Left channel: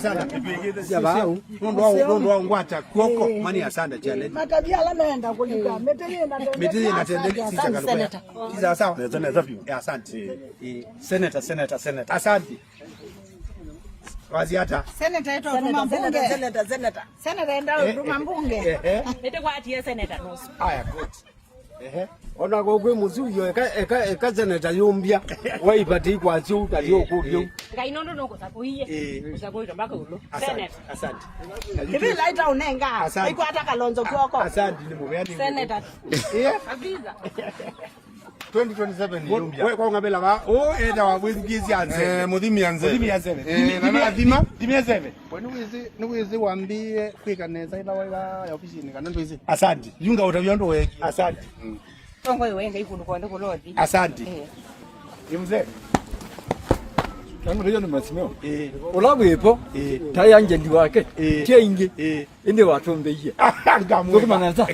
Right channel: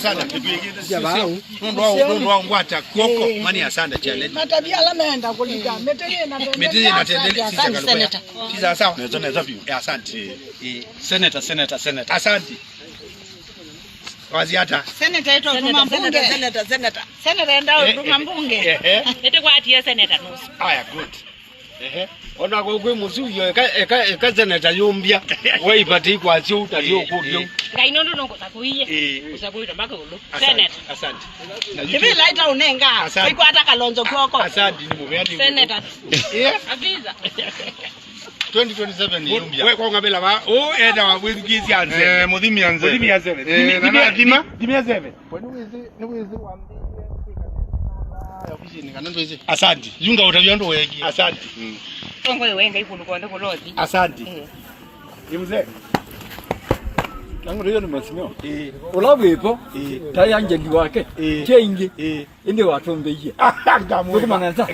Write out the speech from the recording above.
sana. Ndo ngwata koko mani asante challenge. Matabia lamenda kulika. Metele na tendele sisi kalikuwa. Sisi sawa. Asante. Senator. Asante. Waziata. Senator yetu mbunge. Senator ndao mbunge. Ete kwa atie senator nusu. Aya good. Ona gogwe musuyo eka senator yombia. Wai pati kwa sio utalio kudio. Kainondo noko sakuiye. Usakuita mpaka ulo. Senator. Asante. Kibi laita unenga. Iko hata Kalonzo kwako. Asante ni mubeani. Senator. Abiza. 2027 yombia. Wewe kwa ngabela ba enda wa bwigizi anze. Mudhimi anze. Na dima? Dima zebe. Niwezi waambie fika neza ila wala ofisini kana ndwezi. Asante. Yunga utavyando weki. Asante. Tongo wenga ikulu konde kulodi. Asante. Yemze. Tangu leo nimesimama. Olawepo. Tayanje ndiwake. Chengi. Inde watombe hiye. Gamu. Kumananza.